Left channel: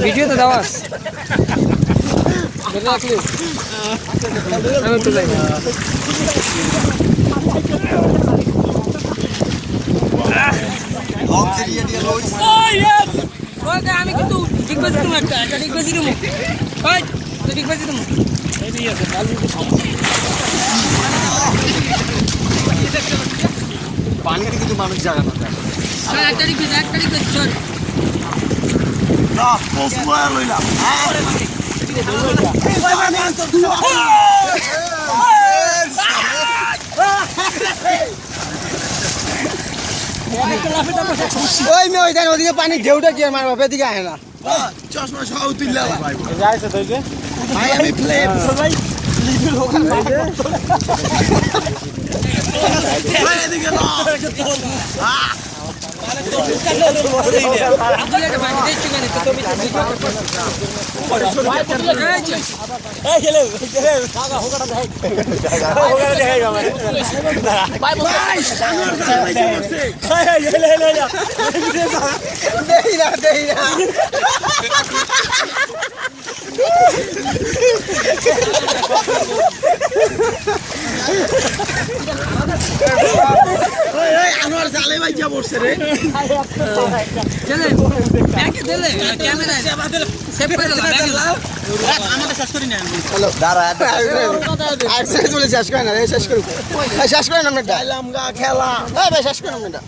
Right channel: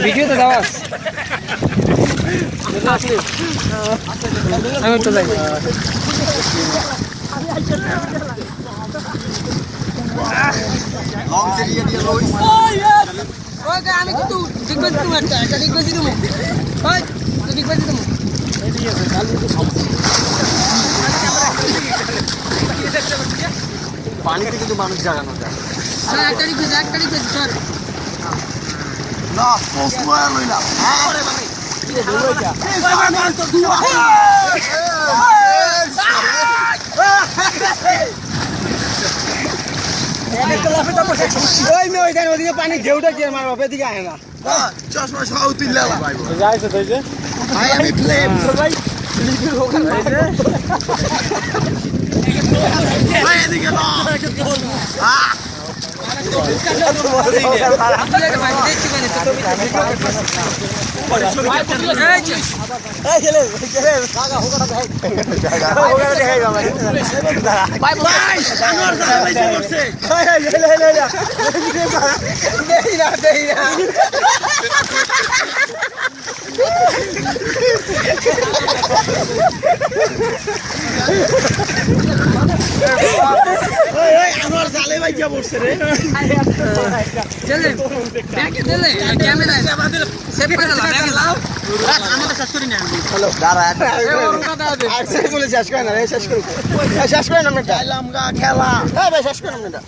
video তো দাও আমি তো যাই আমি কিন্তু ডিগবাজি দেবো একটা ডিগবাজি দেবো ডিগবাজি দেবো পানিতে কিন্তু মানুষ জাগানো যায় একটা ডিগবাজি স্যার ওদিকে পানি ঢেউটা কি মারবো এদিকে আয় না চশমা সহ তুললে আমি এদিকে আমার জালে ভাইয়া পড়ছে রে ক্যামেরা সেভ করে দাও ব্যাগে দাও আমাকে শেষ করি না হ্যালো দাঁড়া আজকে চলে শেষ করে না রে শেষ করুন শেষ করে না আমরা লামগা খেলা হ্যাঁ ভাই শেষ করে না আমরা